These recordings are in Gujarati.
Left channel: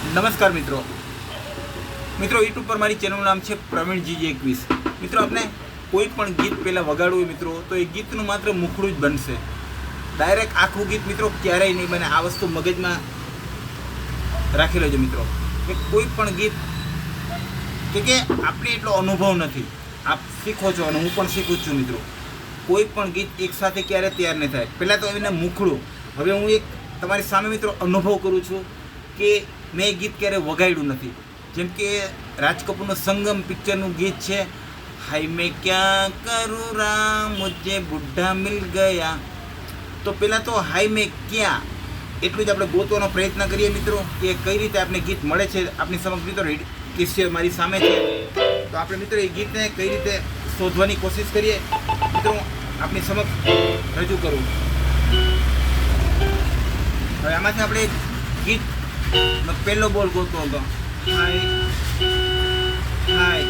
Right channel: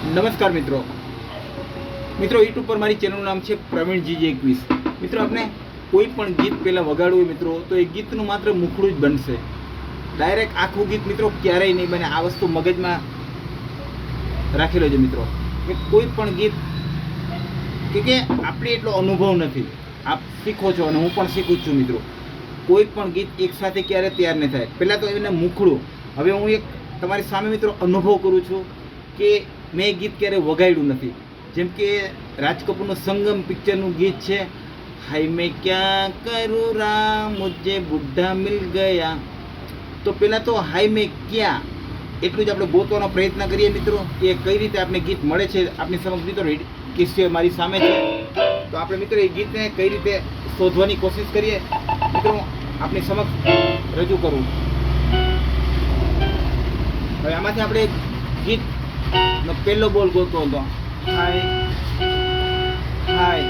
નમસ્કાર મિત્રો યુટ્યુબ પર મારી ચેનલનું નામ છે પ્રવીણજી 21। મિત્રો આપણે કોઈ પણ ગીત પહેલાં વગાડવું હોય મિત્રો તો એ ગીતનું માત્ર મુખડું જ બનશે, ડાયરેક્ટ આખું ગીત મિત્રો ક્યારેય નહીં બને। આ વસ્તુ મગજમાં રાખી લેજો મિત્રો કે કોઈ પણ ગીત કે આપણે એટલો અનુભવ નથી, આપ શીખો છો અને હું પણ શીખું છું મિત્રો। કોઈ પણ ગીત એકસાથે ક્યારે તૈયાર નહીં થાય, પહેલાં તો એને મુખડું। હવે હું એક તમારી સામે મિત્રો અનુભવ કરું છું કે મેં ગીત ક્યારે વગાડ્યું નથી। જેમ કે રાજ કપૂરનું સંગમ પિક્ચરનું ગીત છે, હાય મેં ક્યાં કરું રામ મુझे બુઢ્ઢા મિલ ગયા। તો પહેલાં તો હાય મેં ક્યાં એટલું જ આપણે ગોતવાનો પ્રયત્ન કરીએ મિત્રો કે કઈ રીતે આપણે ગીત મળે છે આપણી સમક્ષ મિત્રો કિસ્સે મારી સામે છે। તો આપણે મિત્રો એ ગીતને કઈ રીતે શોધવાની કોશિશ કરીએ મિત્રો આપણી સમક્ષ રજૂ કરવું। હવે આમાંથી આપણે ગીતનો પહેલો બોલ ગોતો હતો, હાય હાય।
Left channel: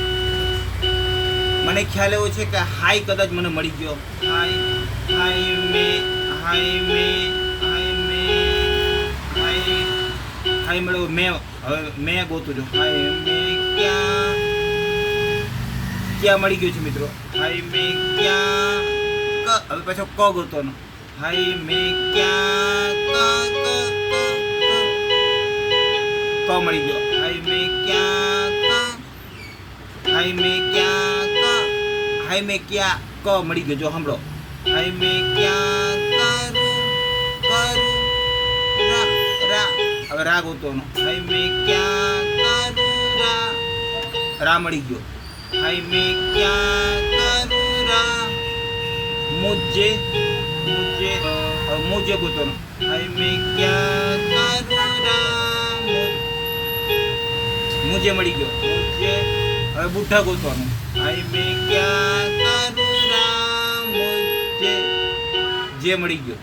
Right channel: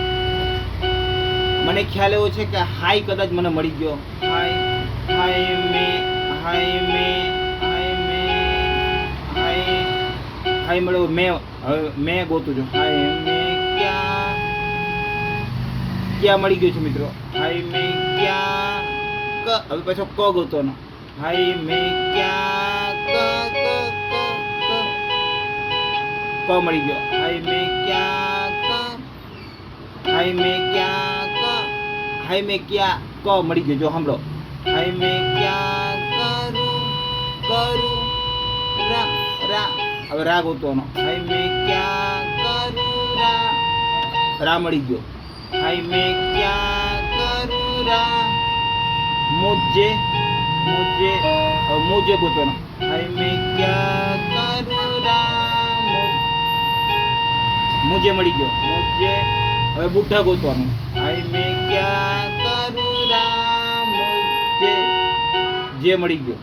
મને ખ્યાલ એવો છે કે હાય કદાચ મને મળી ગયો, હાય હાય મેં હાય મેં હાય મેં હાય હાય મળ્યો મેં। હવે મેં ગોતું છું, હાય મેં ક્યાં ક્યાં મળી ગયું છે મિત્રો, હાય મેં ક્યાં હવે પાછો ક ગોતવાનો, હાય મેં ક્યાં ક મળી ગયો, હાય મેં ક્યાં હાય મેં ક્યાં હાય મેં ક્યાં ક મળી ગયો। જો સાંભળો, હાય મેં ક્યાં કરું રા રા હવે રા ગોતવાનો, હાય મેં ક્યાં કરું રા મળી ગયો, હાય મેં ક્યાં કરું રા મુझे ગોતવાનો, હાય મેં ક્યાં કરું રા મુझे મળી ગયો, મુझे હવે બુઢ્ઢા ગોતવાનું, હાય મેં ક્યાં કરું રા મુझे જે મળી ગયો,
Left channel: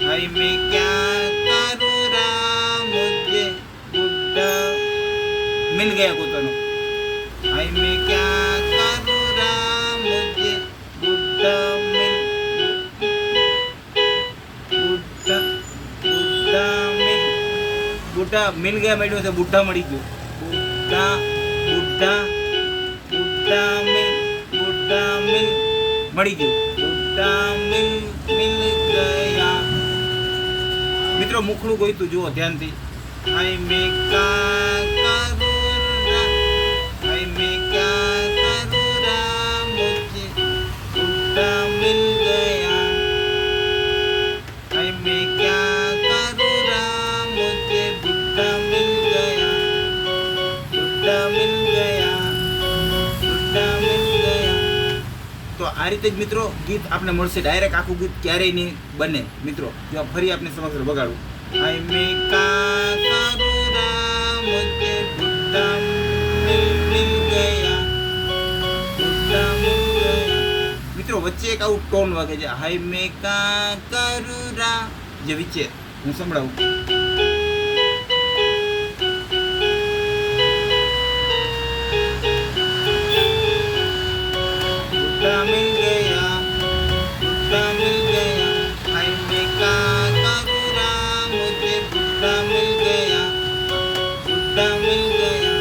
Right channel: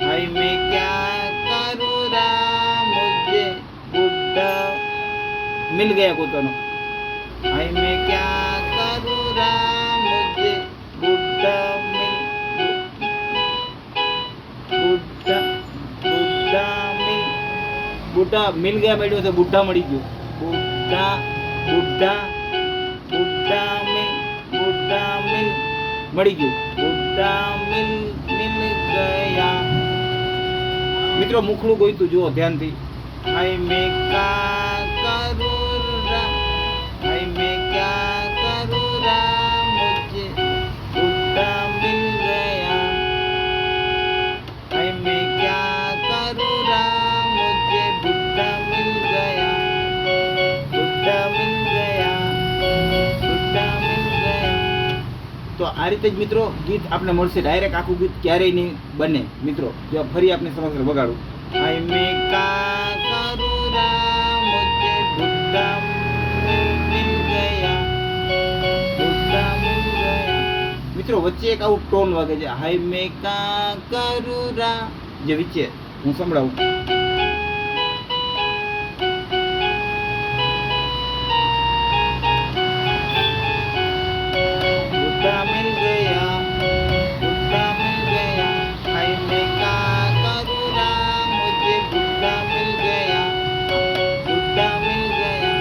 હાય મેં ક્યાં કરું રા મુझे બુઢ્ઢા મિલ ગયા ગોતવાનો, હાય મેં ક્યાં કરું રા મુझे બુઢ્ઢા બુઢ્ઢા મિલ ગયા મળ્યું છે, બુઢ્ઢા મળી ગયું, બુઢ્ઢા બુઢ્ઢા બુઢ્ઢા મિલ મળી ગયું, બુઢ્ઢા મિલ ગયા। મિત્રો મુખડું ગોઈતું જુઓ ધ્યાનથી, હાય મેં ક્યાં કરું રા હાય મેં ક્યાં કરું રા મુझे બુઢ્ઢા મિલ ગયા, હાય મેં ક્યાં કરું રા મુझे બુઢ્ઢા મિલ ગયા, બુઢ્ઢા મિલ ગયા, બુઢ્ઢા મિલ ગયા। તો આ રીતે જ મિત્રો ગીત આપણે મળશે, ડાયરેક્ટ આખું ગીત ક્યારેય નહીં બને મિત્રો। જો ફરી આપણે સમક્ષ વગાડું, હાય મેં ક્યાં કરું રા મુझे બુઢ્ઢા મિલ ગયા, બુઢ્ઢા મિલ ગયા। મિત્રો વચ્ચે એક આવું ટોન વાગે છે, હાય મેં ક્યાં કરું રા, જે વચ્ચે હું સંભળાવું, બુઢ્ઢા મિલ ગયા, બુઢ્ઢા મિલ ગયા, હાય મેં ક્યાં કરું રા મુझे બુઢ્ઢા મિલ ગયા, બુઢ્ઢા મિલ ગયા।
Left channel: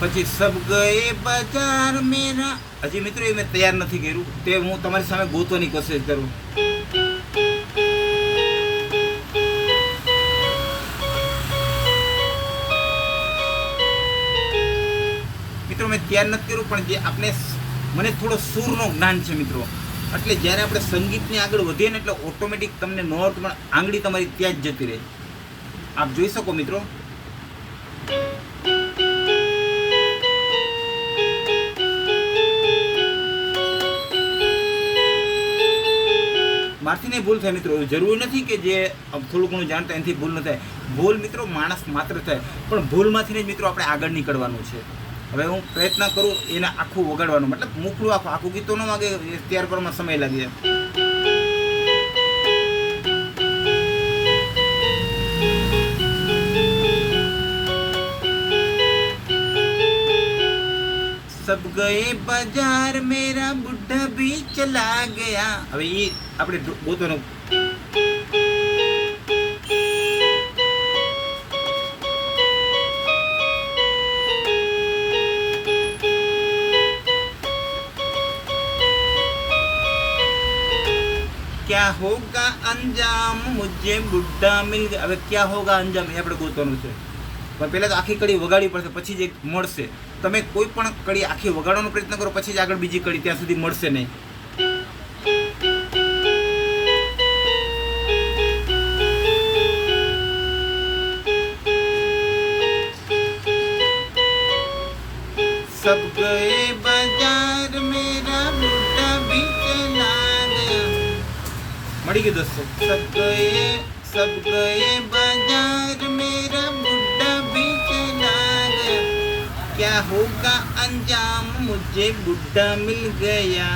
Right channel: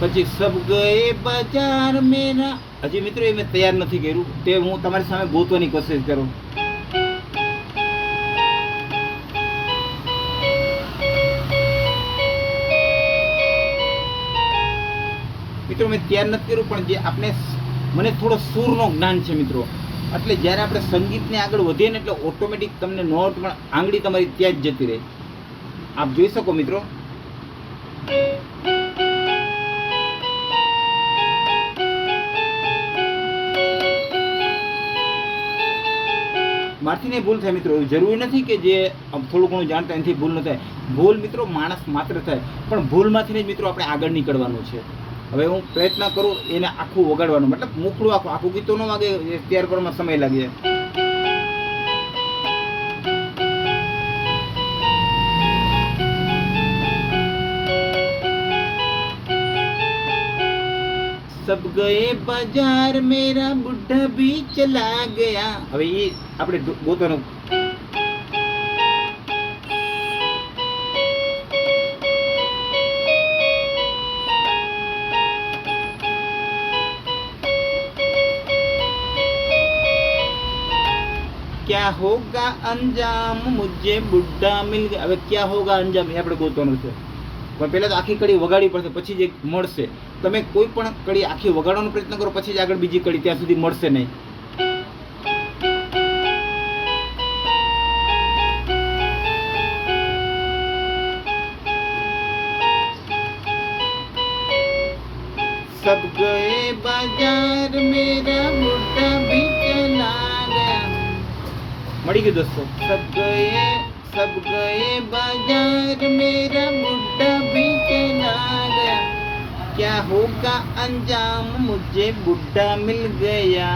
પછી સબ ગયે બજાર મેરા, હજી મિત્રો એ મેં તૈયાર નથી કર્યું, તે હું તમારી સામે ગોતવાની કોશિશ કરું। મિત્રો મેં તૈયાર નથી કર્યું, પણ જે આપણે મને થોડો સૂરનો જ્ઞાન છે મિત્રો, એટલે જ્યારે આપણે સંગીતને આગળ વધીએ ને એટલે ઓટોમેટિક તમને નોટ પણ આંગળી તમારી ત્યાં જ જતી રહે। આપ જોઈ શકો મિત્રો, મારથી નહીં ભૂલ થાય મિત્રો, જરૂરી નથી કે જે થોડું ઘણું જાણતા એનાથી ભૂલ ન થાય। ભૂલ મિત્રો માણસ માત્ર થાય, પણ ભૂલમાંથી જ મિત્રો આપણે આગળ નીકળવાનું છે। હવે હું પ્રયત્ન કરું એને આખું વગાડવાનું, મતલબ મુખડું આખું ગીતો ન વાગે ત્યાર પરમાં સમય લાગે। सब गए बाजार मेरा बुढ़ा भी चला गया। હવે એ આપણે ગોતવાનું, क्या होगा अंजाम मुझे बुड्ढा मिल गया. હવે ક્યાં હોગા અંજામ એ આપણે ગોતવાનું છે. પણ પહેલાં તો આખી કડી વગાડવી પડશે, પછી જ મળશે. તમે કોઈ પણ કડી આખી વગાડવાનો પ્રયત્ન કરો, પછી જ આગળ બીજી કડી, ત્યાં સુધી મળશે નહીં. सब गए बाजार मेरा बुड्ढा भी चला गया. મળી ગયું દોસ્તો. सब गए बाजार मेरा बुड्ढा भी चला गया. क्या होगा अंजाम मुझे बुड्ढा मिल गया.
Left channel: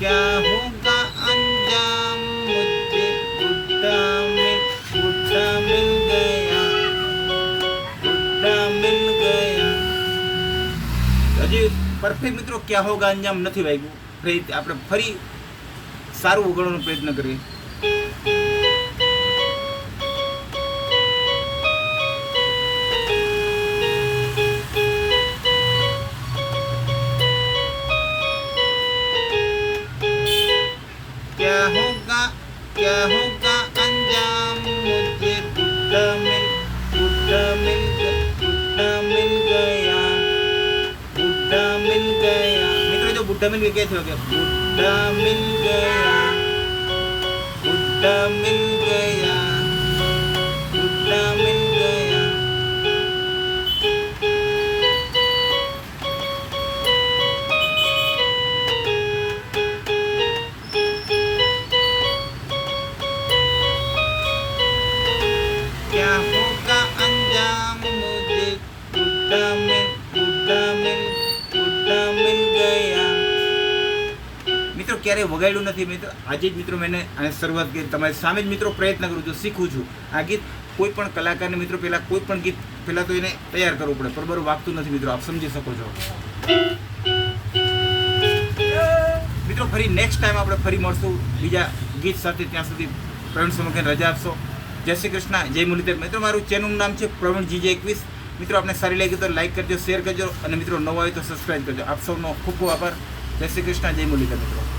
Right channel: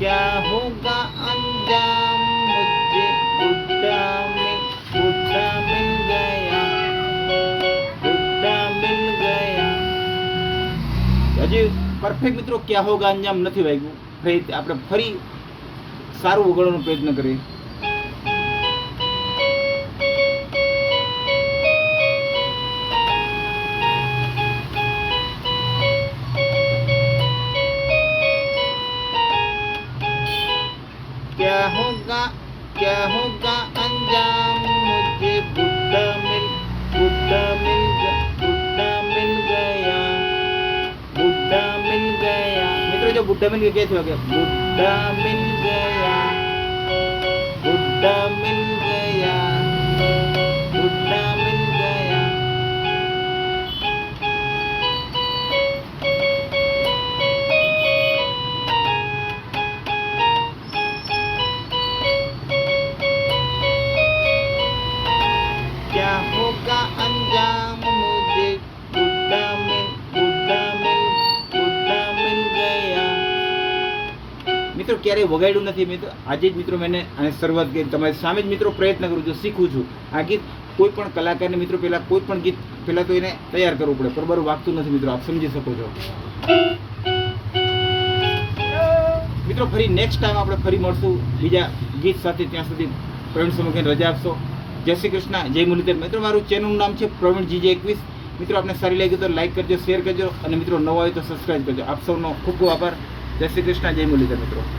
क्या होगा अंजाम मुझे बुड्ढा मिल गया. હજી પરફેક્ટ મિત્રો ક્યાં હોગા અંજામ નથી વાગ્યું. આપણે ફરી સારું વગાડવાનો પ્રયત્ન કરીએ. क्या होगा अंजाम मुझे बुड्ढा मिल गया. મિત્રો જો બુड्ढा मिल गया क्या છે? बुड्ढा मिल गया. क्या होगा अंजाम मुझे बुड्ढा मिल गया. મિત્રો ક્યારેય વગાડ્યું નથી મિત્રો. આજે જ મિત્રો મેં આને શરૂઆત કરી, તમારી સામે જ મિત્રો પ્રયત્ન કરું છું, શીખું છું. આ ગીત કોઈ પણ કલાકારને મિત્રો પહેલાં કોઈ પણ ગીત પહેલાં તો એને તૈયાર કરવું પડે, બરાબર વાગતું નથી મિત્રો, આપ સમજી શકો છો. મિત્રો ફરી નેક્સ્ટ ટાઈમ આપણે ફરી મળશું બીજા ગીત સાથે. ત્યાં સુધી પ્રવીણ સમગ્રને રજા આપશો. જય શ્રી કૃષ્ણ, જય મુરલીધર. મિત્રો મારું ચેનલનું નામ છે પ્રવીણ GJ21. મિત્રો આપણે સારી લાગી તો લાઈક કરજો, શેર કરજો, અને મિત્રો નવો હોય તો સબસ્ક્રાઈબ કરજો. આપ સૌનો ખૂબ ખૂબ આભાર. જય શ્રી કૃષ્ણ, જય મુરલીધર મિત્રો.